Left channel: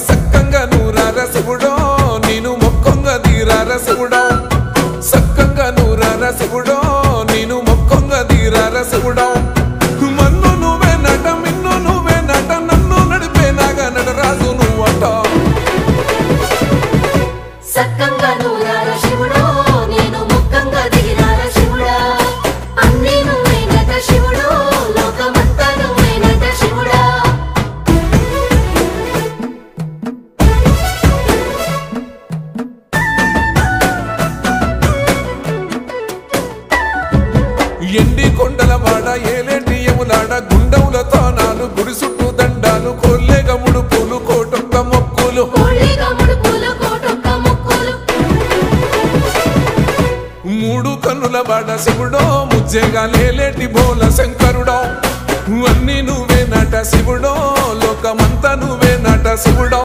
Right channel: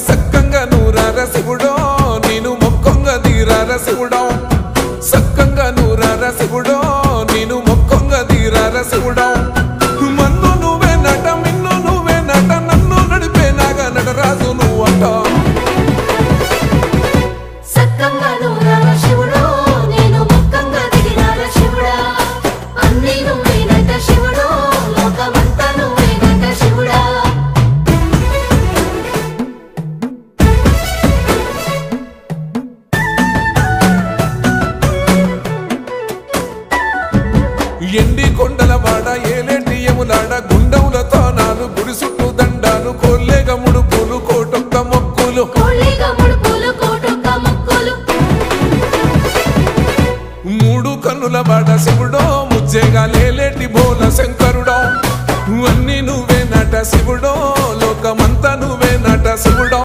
సక్కంగా నూరార శివుడో నేను మొక్కంగా దీరార శివుడో సక్కంగా నూరార శివుడో నేను మొక్కంగా దీరార శివుడో మన్ను నువ్వే నట మిన్ను నువ్వే నట నన్ను నడిపే నాగా నటరాజు నువ్వట ఎండి కొండల వాడ ఏలేటి యములాడ గుండముల తానాలు గుడి చుట్టూ దండాలు కోల్లేగ ముడుపులు కోటొక్క మొక్కులు మూడు కన్నుల వాడ శివుడో ముజ్జేగా లేలేటి బోల శంకరుడో అన్ని నువ్వే నట శివుడో లోకమంతా నువ్వే నట శివుడో